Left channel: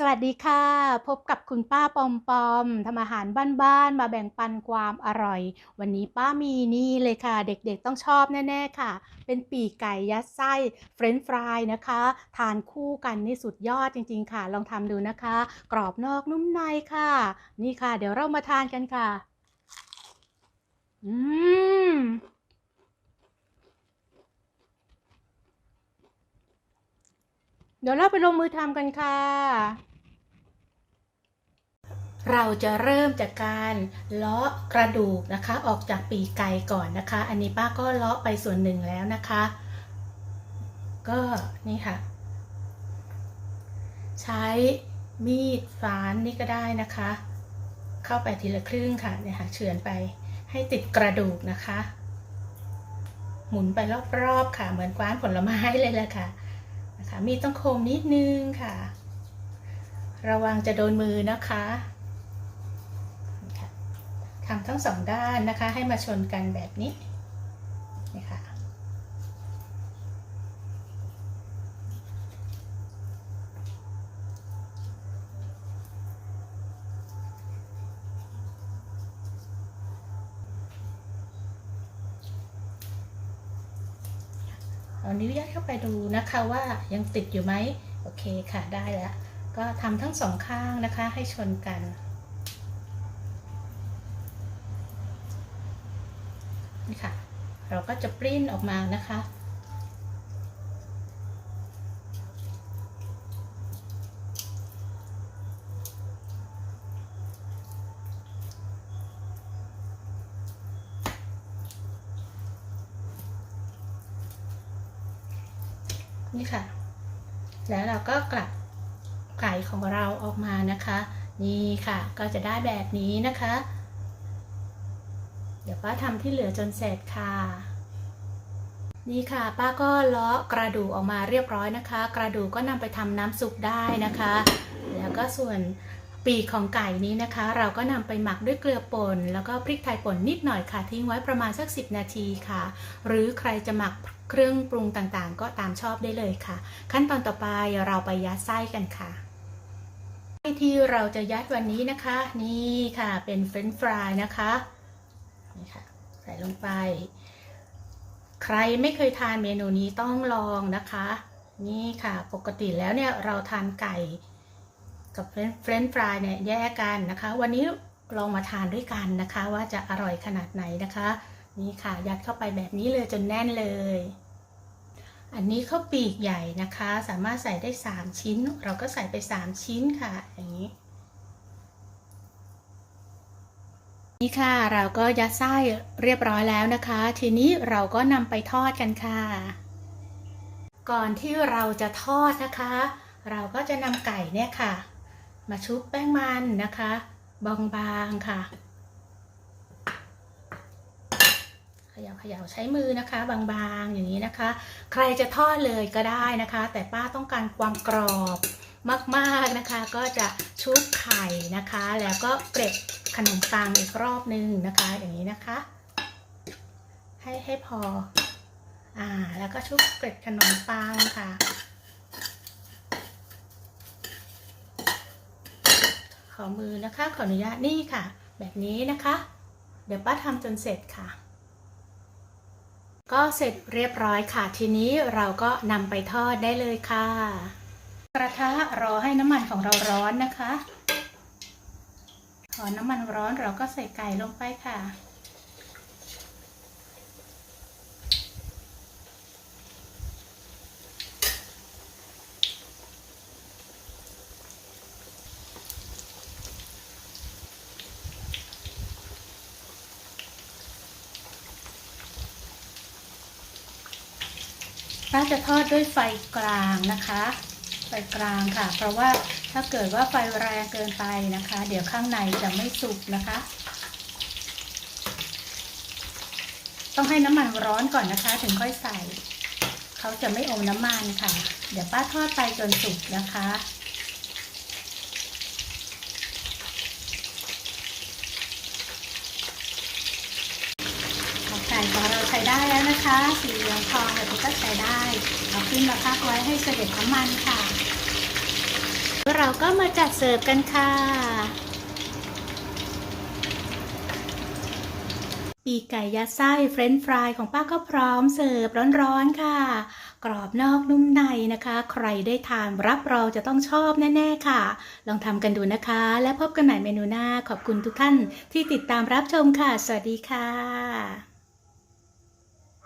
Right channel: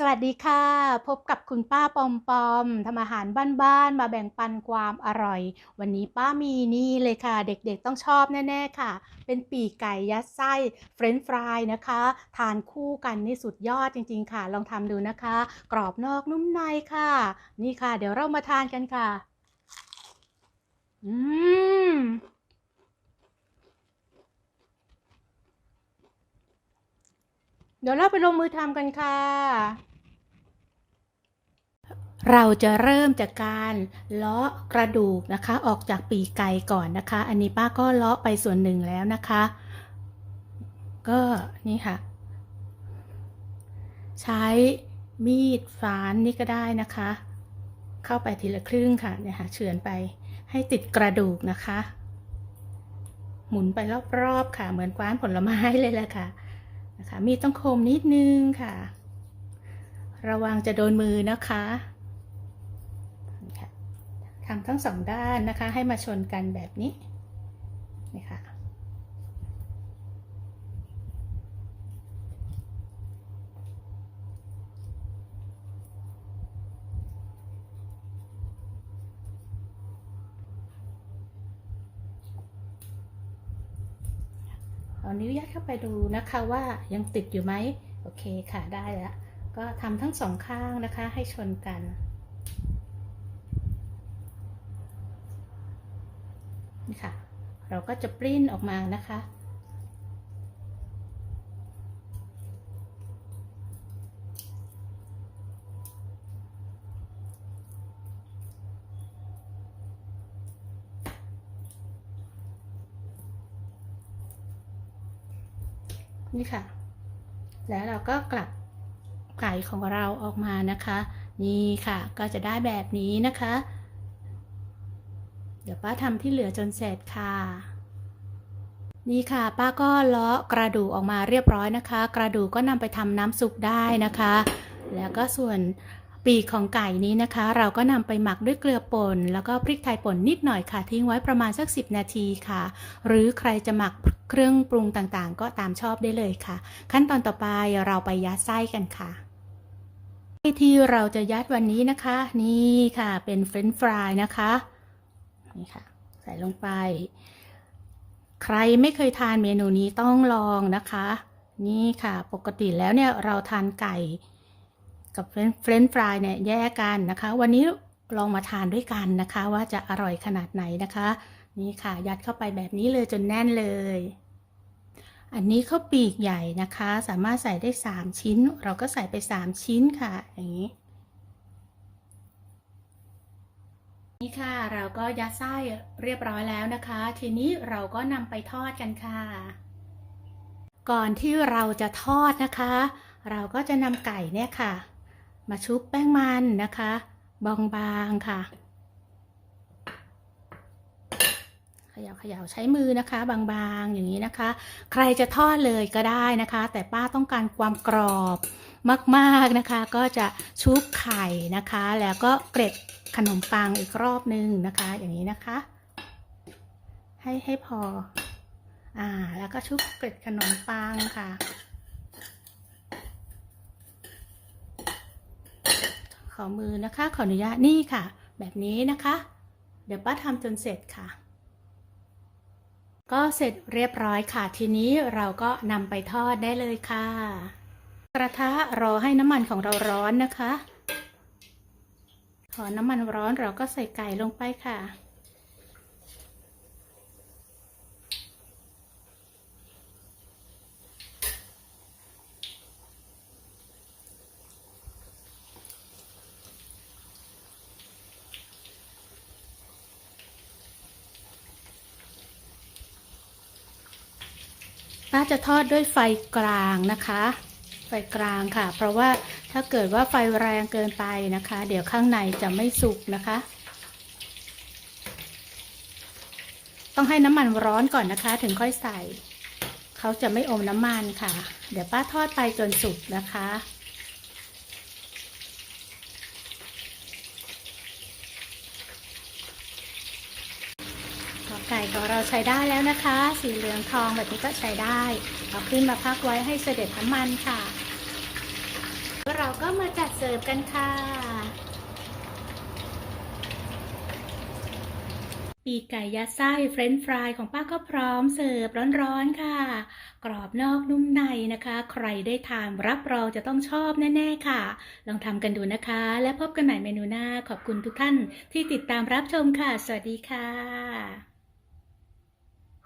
สวัสดีค่ะ พบกับคุณป้าปอมปอมทำอาหารบ้านๆมาแบ่งปันความอร่อย วันนี้ป้ามีนี่เลยค่ะ เด็กๆต้องชอบแน่ๆค่ะ เป็นปีกไก่ยัดไส้เฟรนช์ฟรายนะคะ ทานคู่กันนี่สุดยอดจริงๆค่ะ ลองทำดูนะคะ กรอบนอกนุ่มในค่ะ นี่ค่ะ เดี๋ยวเรามาทานกันค่ะ อืม ดี๋ยวเราไปลงมือทำกันค่ะ เราจะเริ่มจากการเลาะกระดูกนะคะ ออกจากปีกไก่ก่อนนะคะ อันนี้ป้าก็เลาะไปส่วนหนึ่งแล้วนะคะ ก็นี่ค่ะ ใช้มีดฝานนี่ก็ได้นะคะ เข้าไปทีละครึ่งค่ะเนี่ยค่ะเฉือนไปให้ติดกระดูกนะคะ หมุนไปรอบๆค่ะ เหมือนกว้านผลไม้เลยแหละค่ะ นะคะมีต้องคมนิดนึงค่ะ ระวังจะโดนมือนะคะค่ะทำทั้งสองด้านนะคะให้มาชนกันแบบนี้นี่ค่ะ เอานิ้วยัดเข้าไปดูนะคะว่ายังติดอยู่ไหมโอเคค่ะได้แล้ว ก็ทำทั้งสองข้างนะคะให้ชนกัน นี่ค่ะ เราก็จะปริ้นออกมานะคะ นี่ค่ะ แล้วเราก็กลับไก่ของเราออกมานะคะ นี่ค่ะก็จะได้แบบนี้นะคะ เดี๋ยวป้าทำที่เหลือจนเสร็จค่ะ นี่ค่ะ ป้าก็เลาะกระดูกออกมาเรียบร้อยนะคะ กระดูกก็นำไปทำน้ำซุปได้นะคะ แล้วก็ส่วน ปีกของไก่นี้นะคะ เราก็นำไปหมักด้วยเกลือป่น แล้วก็พริกไทยป่นนิดหน่อยค่ะ ทิ้งไว้ประมาณสัก 10 นาทีค่ะ หรือใครจะหมักเครื่องปรุงต่างๆ ก็ตามชอบได้เลยค่ะ ขั้นตอนต่อไปเราไปยัดไส้กันค่ะที่เราจะยัดวันนี้นะคะ นี่ค่ะเป็นเฟรนช์ฟรายนะคะนี่ค่ะ ใส่ลงไป ใครไม่เคยทานเมนูนี้ต้องลองนะคะ นี่ค่ะ ปกติแล้วเนี่ยเราทานไก่ กับเฟรนช์ฟรายเนี่ยแยกกันนะคะ วันนี้ลองมาทานด้วยกันนะคะ ว่าจะอร่อยขนาดไหนนะคะ นี่ค่ะ ยัดเข้าไปแบบนี้เลยจนแน่นเลย อันนี้ข้าวปีกใหญ่นะคะ สามารถใส่ได้ 3 ชิ้น เราก็ใส่ไป 3 ชิ้นค่ะ อย่างนี้นี่ค่ะเราก็ยัดไส้เรียบร้อยแล้วนะคะ ทีนี้เราก็นำไปทอดกันค่ะ ก่อนที่เราจะทอดนะคะ เราก็จะนำไก่เนี่ยค่ะ มาชุบแป้งมันนะคะ บางๆค่ะขย่าขย่าใช้มือนะคะ บางๆอย่างนี้นะคะ ใครจะทอดเลยก็ได้นะคะ แต่ป้าต้องการความกรอบมากๆนะคะ ก็จะชุบไข่นะคะ แล้วก็เกร็ดขนมปังอีกรอบนึงนะคะ อย่างนี้นะคะ ให้ให้พออ่าแล้วก็ชุบเกร็ดขนมปังค่ะ ขอมือนะคะ ขออนุญาตนี่ค่ะ แบบนี้นะคะ เดี๋ยวป้าทำจนเสร็จค่ะ ก็เสร็จเรียบร้อยค่ะ ทีนี้เราก็นำไปทอดได้เลยค่ะ กระทะรอให้น้ำมันของเราร้อนนะคะ พอน้ำมันร้อนเราก็ใส่ไก่ลงไปค่ะ้าจะทอดด้วยไฟกลางนะคะ ไฟกลางค่ะ เพราะว่าถ้าเกิดว่าไฟแรงเกินไปนะคะ เดี๋ยวข้างในจะไม่สุกนะคะ ต้องให้น้ำมันร้อนก่อนนะคะ ถึงค่อยใส่ เขาจะไม่อมน้ำมันค่ะ เดี๋ยวป้าทอดไปจนสุกนะคะ ไก่ของเราใช้ได้แล้วนะคะ สีเหลืองทองแบบนี้ก็ใช้ได้เอาขึ้นมาพักไว้ให้เสด็จน้ำมันค่ะเมื่อเราเราก็มาจัดเสิร์ฟกันค่ะปีกไก่ยัดไส้เฟรนช์ฟรายของป้าก็พร้อมเสิร์ฟร้อนๆค่ะ กรอบนอกนุ่มในนะคะ ใครได้ทานรับรองจะต้องชอบแน่ๆค่ะ ลองทำกันดูนะคะ และพบกันใหม่เมนูหน้าขอบคุณทุกท่านที่ติดตามรับชมค่ะ สวัสดีค่ะ